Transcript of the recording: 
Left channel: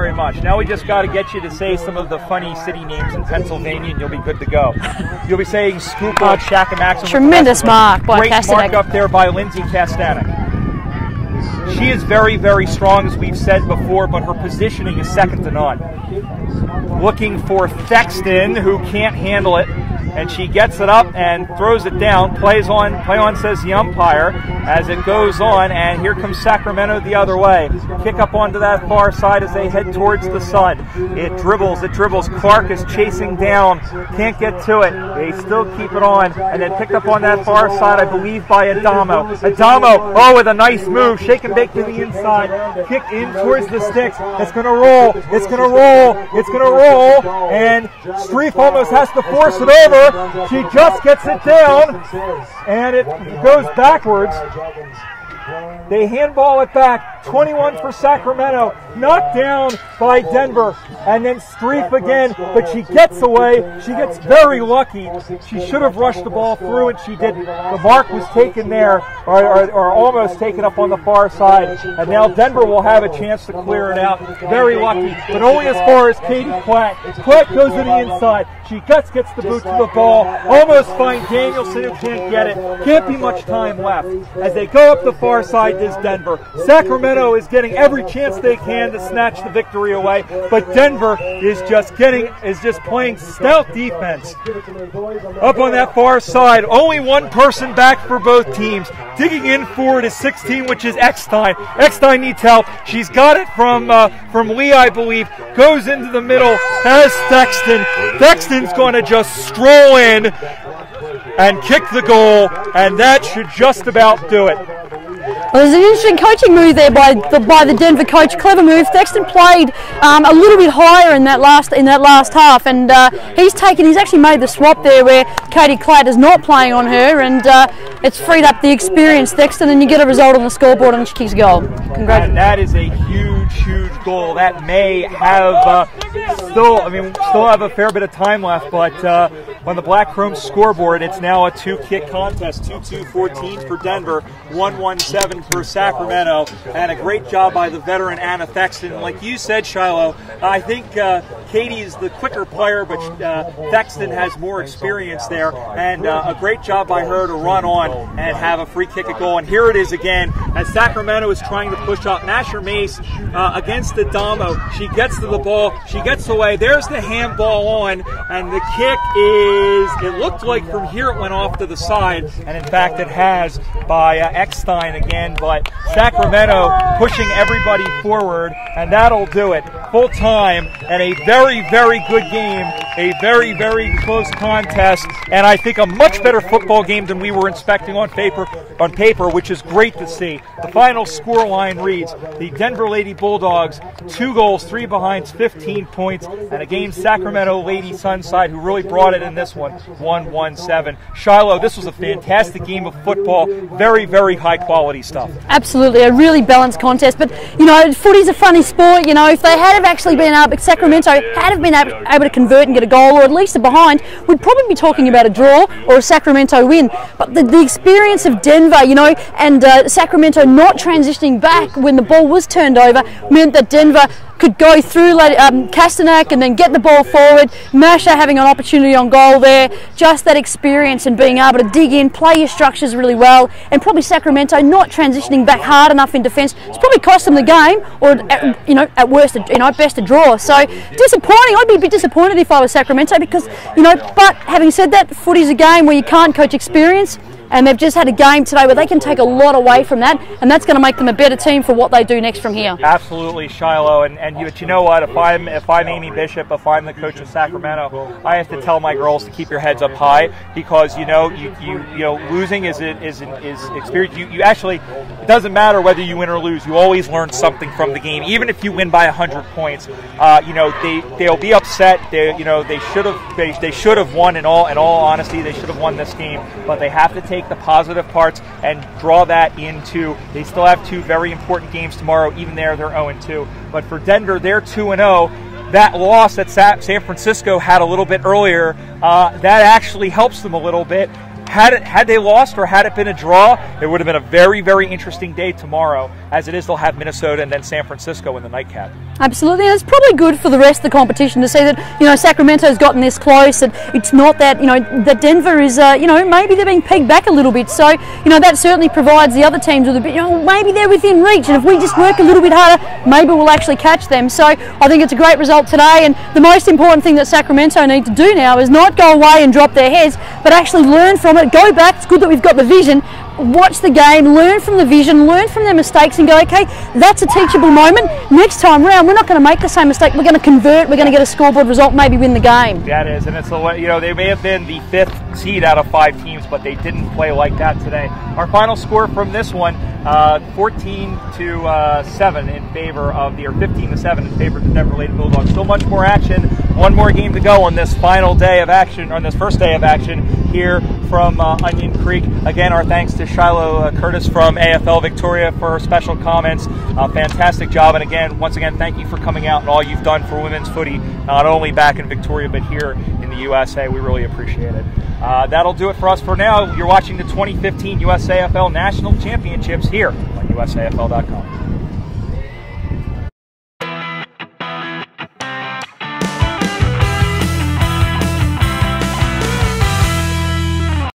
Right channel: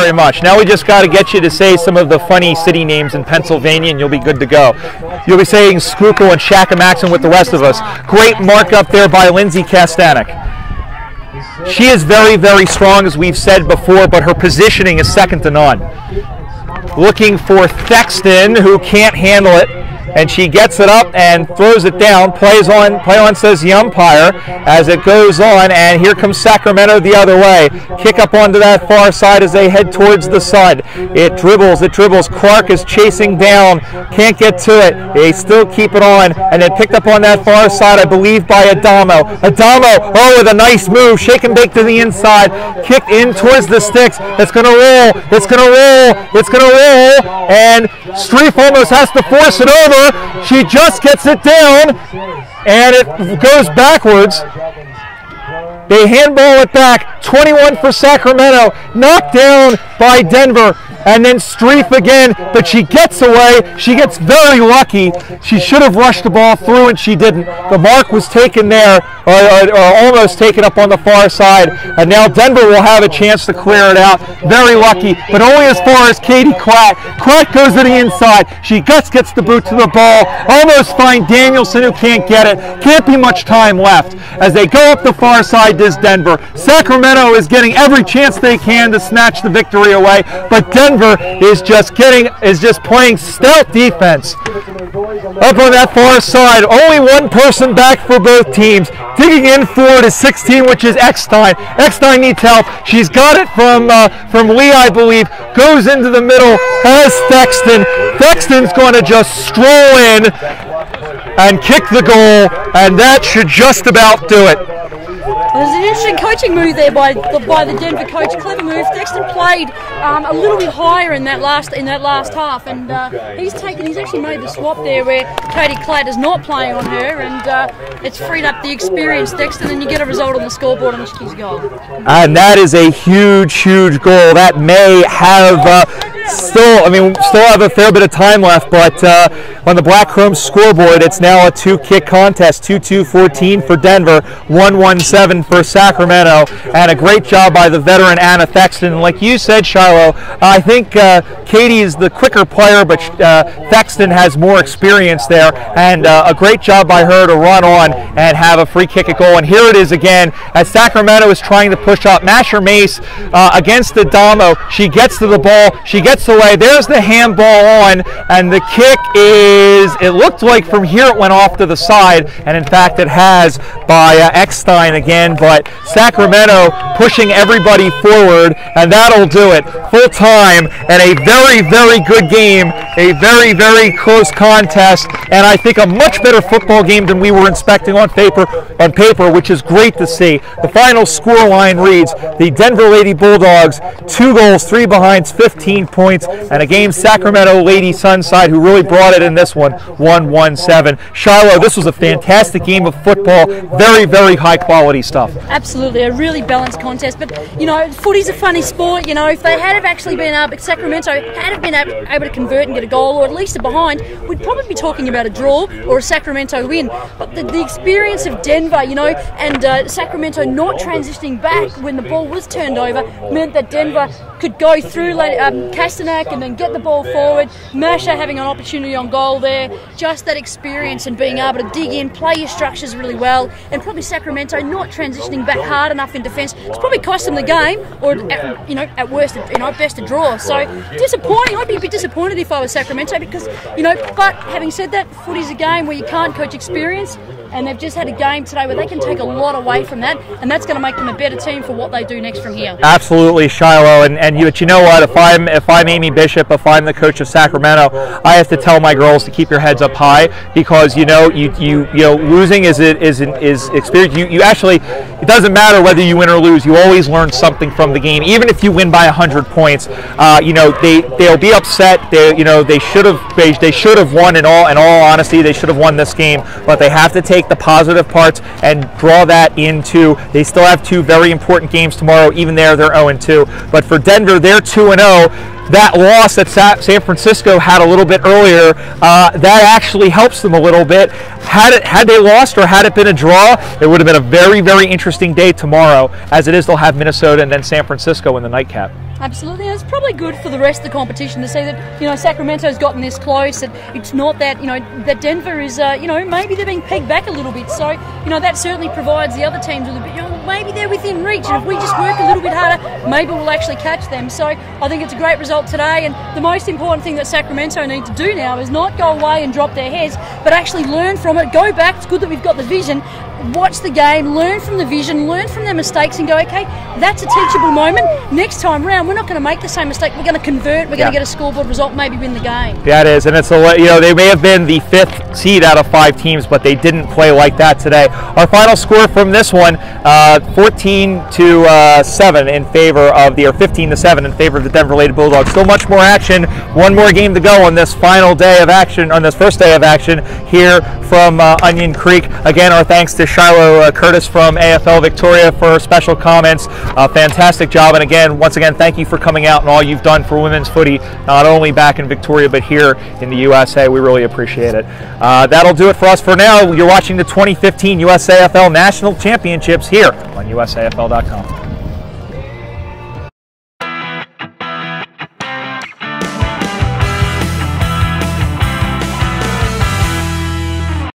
very much. Now we just got to get you to say some of the funny city names in Pennsylvania, and you'll be good to go. You'll be saying Schuylkill and Shakamaxon with the rest of us. Great mark up there by Lindsay Kastanek. She is very, very strong, as we've said before, but her positioning is second to none. Looking for Thexton, who can't handle it, and she gets it up and throws it down. Play on, says the umpire, as it goes on, and here comes Sacramento the other way. Kick up onto that far side as they head towards the sun. It dribbles. Clark is chasing down, can't get to it. They still keep it on, and then picked up on that far side, I believe, by Adamo. Adamo, oh, with a nice move, shake and bake to the inside, kicked in towards the sticks. It's going to roll, it's going to roll, it's going to roll, and Streif almost has to force it over. She just gets it down, and it goes backwards. They handball it back. 21 for Sacramento. Knocked down by Denver. And then Streif again, but she gets away. She gets very lucky. She should have rushed the ball through, and she didn't. The mark was taken there, or almost taken up on the far side. And now Denver will have a chance to clear it out. Very lucky, but only as far as Katie Klatt. Klatt goes to the inside. She gets the boot to the ball. Almost find Danielson, who can't get it. Can't be much time left. As they go up the far side, this Denver. Sacramento is getting every chance they can to snatch the victory away, but Denver is just playing stout defense. Up on that far side, only one person back for both teams. Digging in forward is 16, which is Eckstein. Eckstein needs help. She's got it from Lee, I believe. Goes into the middle, has Thexton. Thexton's going to just stroll in and kick the goal, and that should just about do it. Well, there's an interesting coaching move there by the Denver coach. Clever move. Thexton played a little bit higher in that last half, and he's actually made the swap there where Katie Klatt is not playing on her, and it's freed up the experienced Thexton, and you get a result on the scoreboard on Chickie's goal. And that is a huge goal. That may have still have a fair bit of time left, but on the Black Chrome scoreboard, it's now a two-kick contest. 2-2-14 for Denver, 1-1-7 for Sacramento, and a great job by the veteran Anna Thexton. Like you said, Shiloh, I think Katie is the quicker player, but Thexton has more experience there, and a great job by her to run on and have a free kick at goal. And here it is again, as Sacramento is trying to push up. Masher Mace against Adamo. She gets to the ball. She gets away. There's the handball on, and the kick is, it looked like from here it went off to the side, and in fact it has, by Eckstein again, but Sacramento pushing everybody forward, and that'll do it. Full time, and a very, very good game, a very, very close contest, and I think a much better football game than we were expecting on paper, which is great to see. The final score line reads, the Denver Lady Bulldogs, 2 goals, 3 behinds, 15 points, and again Sacramento Lady Sunside, who really brought it in this one, 1-1-7. Shiloh, this was a fantastic game of football, very, very high quality stuff. Absolutely, a really balanced contest, but you know, footy's a funny sport. You know, if they had have actually been able, Sacramento had have been able to convert and get a goal, or at least a behind, we'd probably be talking about a draw or a Sacramento win. But the experience of Denver, you know, and Sacramento not transitioning back when the ball was turned over meant that Denver could go through Kastanek and then get the ball forward. Masha having an opportunity on goal there. Just that experience and being able to dig in, play your structures really well, and probably Sacramento not transitioning back hard enough in defence. It's probably cost them the game, or at worst, best a draw. So disappointing. I'd be a bit disappointed if I was Sacramento because, but having said that, footy's a game where you can't coach experience. And they've just had a game today where they can take a lot away from that, and that's going to make them a better team for what they do next from here. Absolutely, Shiloh, and you know what? If I'm Amy Bishop, if I'm the coach of Sacramento, I have to tell my girls to keep your heads up high, because you losing is experience. You actually, it doesn't matter whether you win or lose. You always learn something from the game, even if you win by 100 points. They'll be upset. They should have won. In all honesty, they should have won this game, but they have to take the positive parts and draw that into, they still have 2 very important games tomorrow. Even there, they're 0-2. But for Denver, they're 2-0. That loss that San Francisco had a little bit earlier, that actually helps them a little bit. Had they lost or had it been a draw, it would have been a very, very interesting day tomorrow. As it is, they'll have Minnesota and then San Francisco in the nightcap. Absolutely, and it's probably good for the rest of the competition to see that Sacramento's gotten this close, and it's not that that Denver is maybe they're being pegged back a little bit. So that certainly provides the other teams with a bit. Maybe they're within reach, and if we just work a little bit harder, maybe we'll actually catch them. So I think it's a great result today, and the most important thing that Sacramento need to do now is not go away and drop their heads, but actually learn from it. Go back. It's good that we've got the vision. Watch the game, learn from the vision, learn from their mistakes, and go, okay, that's a teachable moment. Next time round, we're not going to make the same mistake. We're going to convert. We're going to get a scoreboard result, maybe win the game. That is, and it's they may have been the 5th seed out of 5 teams, but they didn't play like that today. Our final score from this one, 14-7 in favor of or 15-7 in favor of the Denver Lady Bulldogs. Still much more action. One more game to go on this final day of action, on this first day of action here from Onion Creek. Again, our thanks to Shiloh Curtis from AFL Victoria for special comments. Fantastic job, and once again, thank you for coming out and all you've done for women's footy, not only back in Victoria but here in the USA. We really appreciate it. That'll do it for us for now. You're watching the 2015 USAFL National Championships here on USAFL.com.